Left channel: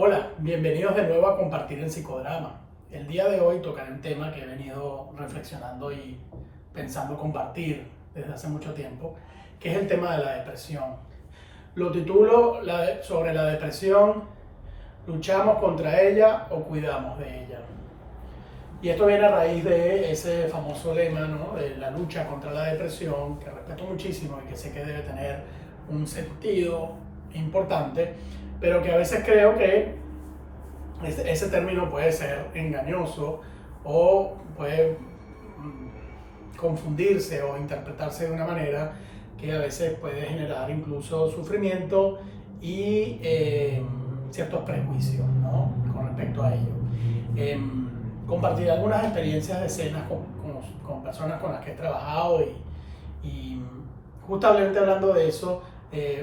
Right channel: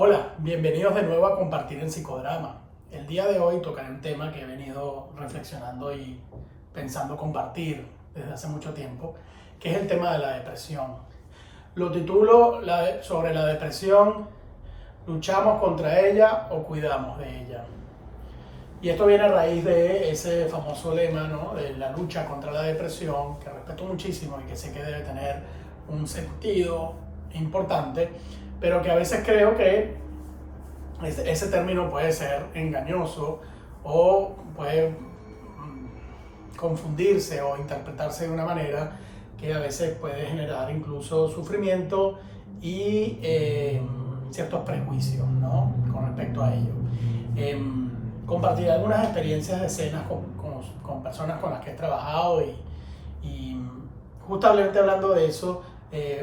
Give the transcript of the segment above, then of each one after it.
Hola, bienvenidos de nuevo a Compartir en Psicodrama. El día de hoy tocaré un tema que he venido reflexionando y pensando compartir desde hace mucho tiempo, que es el tema de la depresión. Lo titulo sobre la depresión: ¿luchamos contra ella o cuidamos de ella? Y esto viene a raíz de ese famoso lema, ¿no?, de la lucha contra la depresión, que respeto muchísimo y que sé que debe tener un sentido importante, pero que a veces creo que ese término puede ser engañoso o puede confundirse o interpretarse de una manera que a veces puede generar incluso sufrimiento y ciertos prejuicios, ¿no?, con respecto a ello. Compartiré algunas experiencias de escenas con personas con las que he trabajado y justamente hablando de eso,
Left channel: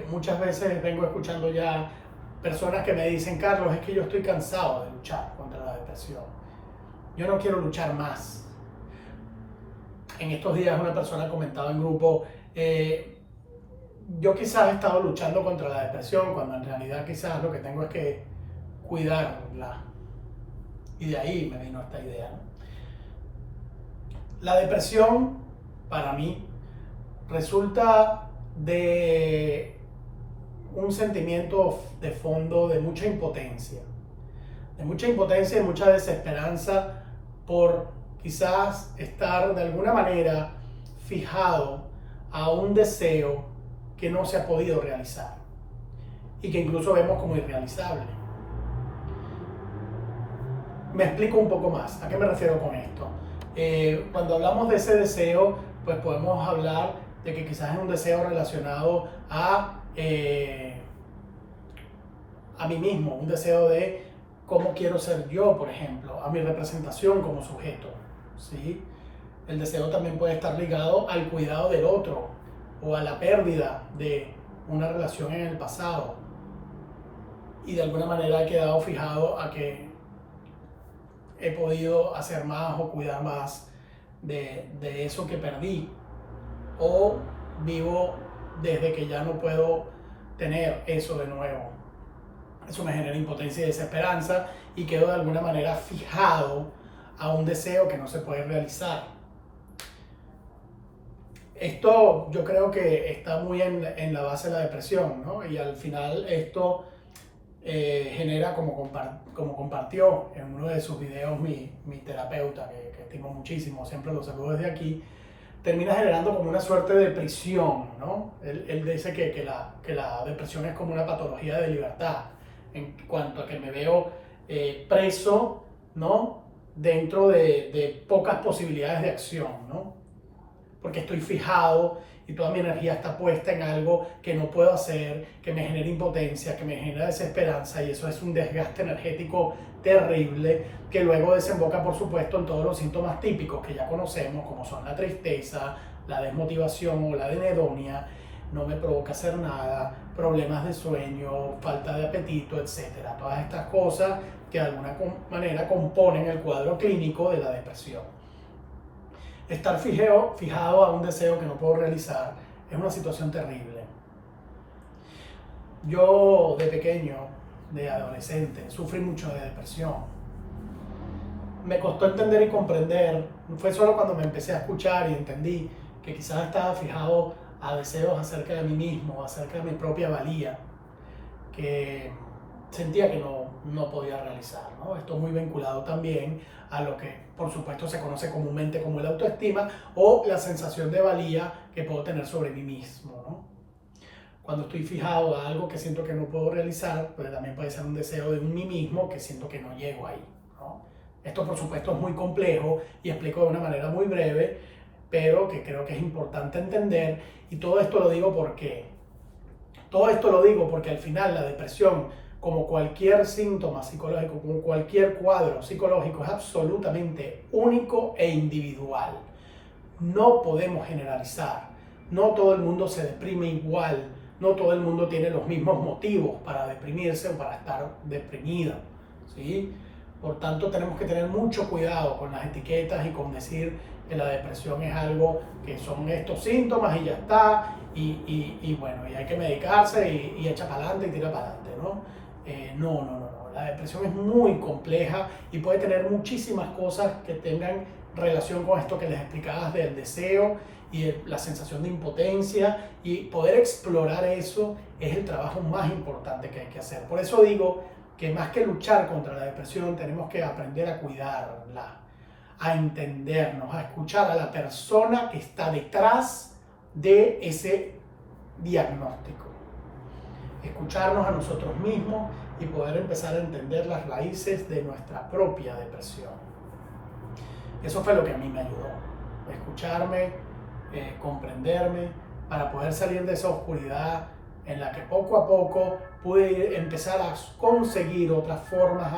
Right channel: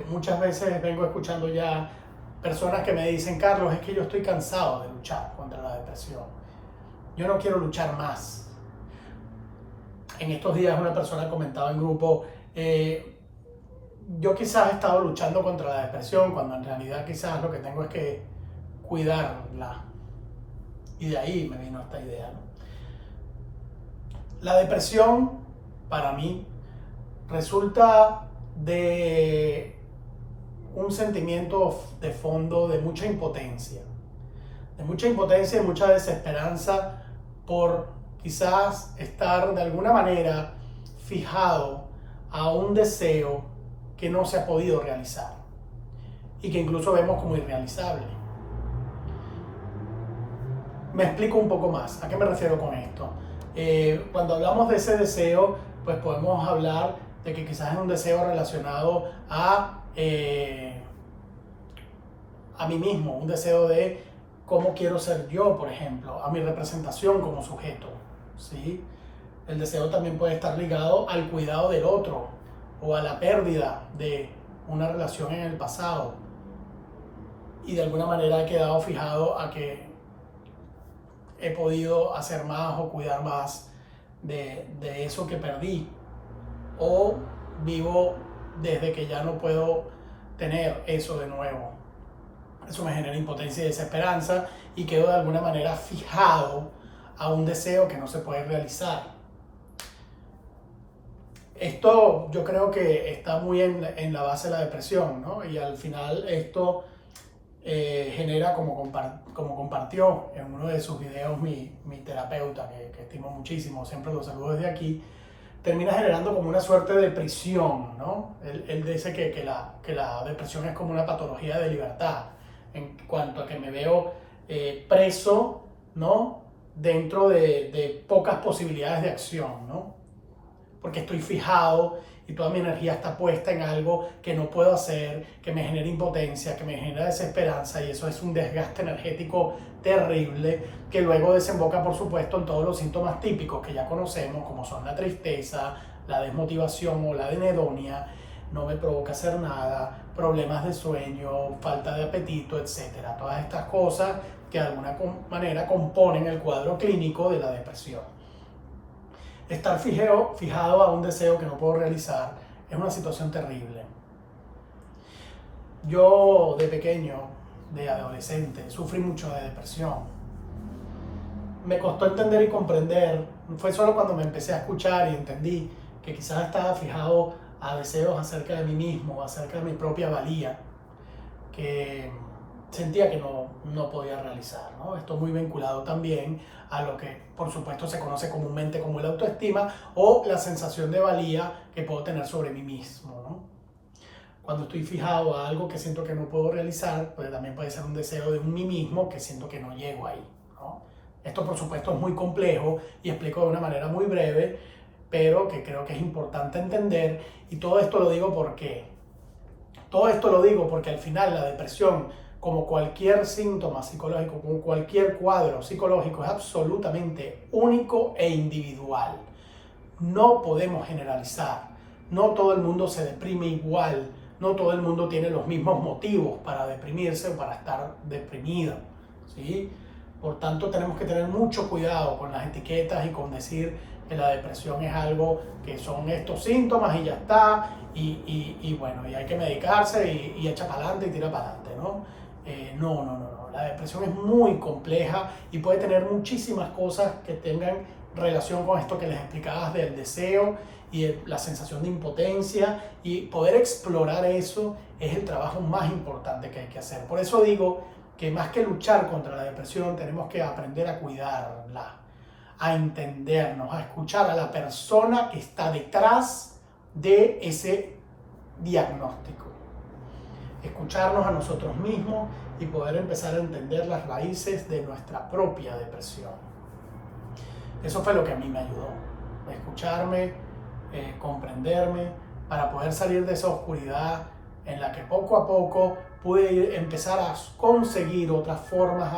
muchas veces vengo escuchando ya personas que me dicen: Carlos, es que yo estoy cansado de luchar contra la depresión. Yo no quiero luchar más. En estos días una persona comentaba en grupo: yo quizás he estado luchando contra la depresión cuando en realidad quizás lo que tengo es que cuidarla. Y de ahí me vino esta idea, ¿no? La depresión, para mí, resulta de un sentimiento de fondo de mucha impotencia y mucha desesperanza por quizás estar de alguna manera fijado a un deseo que no se ha podido realizar y que incluso vemos como irrealizable. Me explico un poco más. ¿A qué me refiero con esto? Cuando hablamos de ese deseo, pues podemos hablar de que quizás es un deseo relacionado a mí mismo, un deseo de cómo quiero ser yo, por ejemplo, a mi representación como sujeto, ¿sí? El deseo también puede estar ligado al cuidado del otro o a la pérdida de una relación en el pasado y de alguna manera he quedado fijado a que he podido hacer más o cuidar más de eso que perdí, o vivo desde que ya no puedo tener eso de nuevo. Eso me genera impotencia y desesperanza y quedo de alguna manera fijado a un deseo que no se puede realizar. Esto yo creo que está muy en la base de la depresión, ¿no? Y al final esto genera, como compartió en uno de sus videos mi terapeuta, que estimo muchísimo, siempre lo saludo desde aquí, termina generando como una suerte de prisión, ¿no? Él dice que la depresión es como una patología de libertad, en cuanto a que me veo preso, ¿no?, dentro de pocas posibilidades de acción, ¿no? Porque estoy fijado y toda mi energía está puesta en algo que no puedo hacer, que me genera impotencia, que me genera desesperanza, y eso es un desgaste energético terrible que luego desemboca, por supuesto, en todos los síntomas típicos que ya conocemos, como son la tristeza, la desmotivación o la anedonia, no me provoca hacer nada, problemas de sueño, falta de apetito, etc. Todas estas cosas que de alguna manera componen el cuadro clínico de la depresión. Estar fijado a un deseo que no puedo realizar es una situación terrible. Yo de pequeño, de adolescente, sufrí mucho de depresión. Me costó entender y comprender, fue solo cuando me empecé a escuchar y entendí que quizás estaba fijado a deseos acerca de mí mismo, acerca de mi propia valía, que sentía que no podía realizar, ¿no? Esto muy vinculado también a lo que por supuesto se conoce comúnmente como la autoestima o la sensación de valía que puedo tener sobre mí mismo, ¿no? Cuando estoy fijado a algo que siento que no puedo realizar, pues también puede ser un deseo de un mí mismo que siento que no llego ahí, ¿no? Esto por supuesto es muy complejo y explico de una manera muy breve, pero que creo que es importante entender, y todo esto lo digo porque al final la depresión, como cualquier síntoma psicológico, como cualquier cuadro psicológico, es absolutamente único e individual. No podemos generalizar. No todo el mundo se deprime igual. No todo el mundo tiene los mismos motivos para deprimirse o para estar deprimido, ¿sí? Por tanto, tenemos que tener mucho cuidado con las etiquetas y con decir que la depresión es algo que son estos síntomas y ya está, y bueno, y hay que medicarse y echa para adelante y tira para adelante, ¿no? No. La depresión es muy compleja y puede tener muchísimas cosas que tengan relación con esto que les explicabas del deseo y la sensación de impotencia, y poder explorar eso es el trabajo más importante que hay que hacer. Por eso digo que más que luchar contra la depresión, tenemos que aprender a cuidarla, a entendernos, a escuchar a la persona que está detrás de ese diagnóstico, escucharnos a nosotros mismos y poder empezar a entender las raíces de nuestra propia depresión. Eso fue lo que a mí me ayudó, escucharme, comprenderme, para poder salir de esa oscuridad en la que poco a poco pude empezar a conseguir otras formas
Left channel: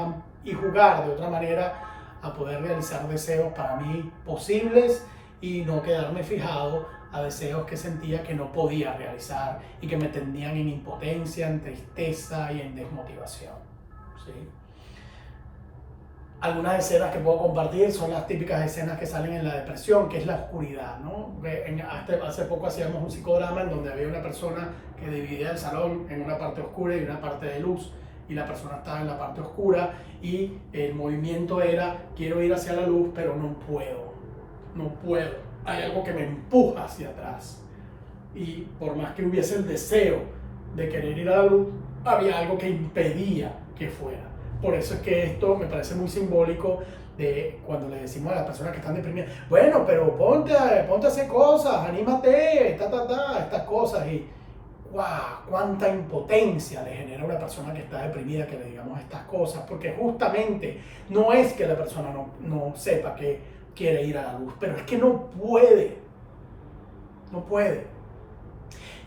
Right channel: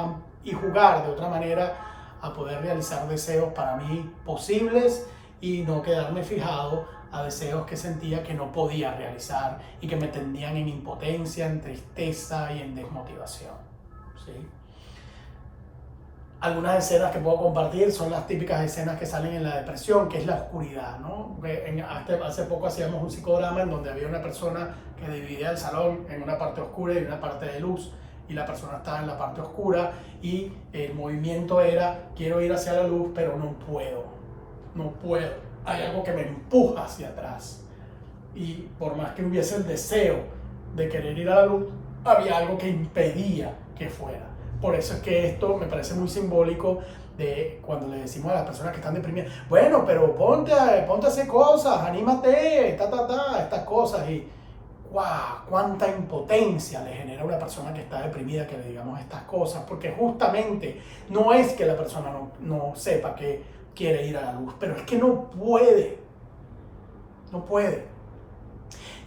y jugar de otra manera a poder realizar deseos para mí posibles y no quedarme fijado a deseos que sentía que no podía realizar y que me tendían en impotencia, en tristeza y en desmotivación, ¿sí? Algunas escenas que puedo compartir son las típicas escenas que salen en la depresión, que es la oscuridad, ¿no? Hace poco hacíamos un psicodrama en donde había una persona que dividía el salón en una parte oscura y una parte de luz, y la persona estaba en la parte oscura y el movimiento era: quiero ir hacia la luz, pero no puedo. Hay algo que me empuja hacia atrás. Y por más que hubiese el deseo de querer ir a la luz, había algo que impedía que fuera. Por eso es que esto me parece muy simbólico de cuando le decimos a las personas que están deprimidas: bueno, pero ponte a hacer cosas, anímate, estas cosas. Y ¡guau! Cuánta impotencia le genera a una persona que está deprimida que le digamos estas cosas, porque justamente no es que la persona no sepa que quiere ir a la luz, pero es que no puede.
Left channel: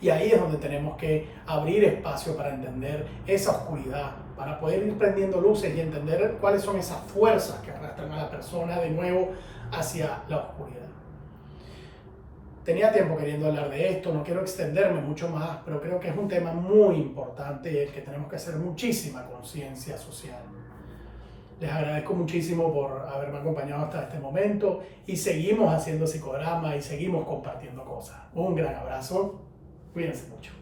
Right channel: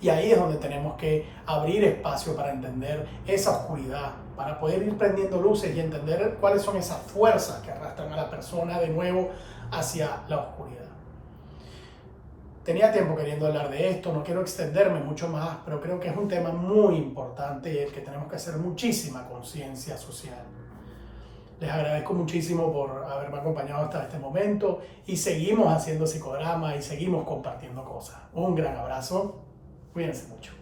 Y ahí es donde tenemos que abrir espacio para entender esa oscuridad, para poder ir prendiendo luces y entender cuáles son esas fuerzas que arrastran a la persona de nuevo hacia la oscuridad. Tenía tiempo queriendo hablar de esto, no quiero extenderme mucho más, pero creo que es un tema muy importante y el que tenemos que hacer muchísima conciencia social. Les agradezco muchísimo por haberme acompañado hasta este momento y seguimos haciendo psicodrama y seguimos compartiendo cosas. Un gran abrazo, cuídense mucho.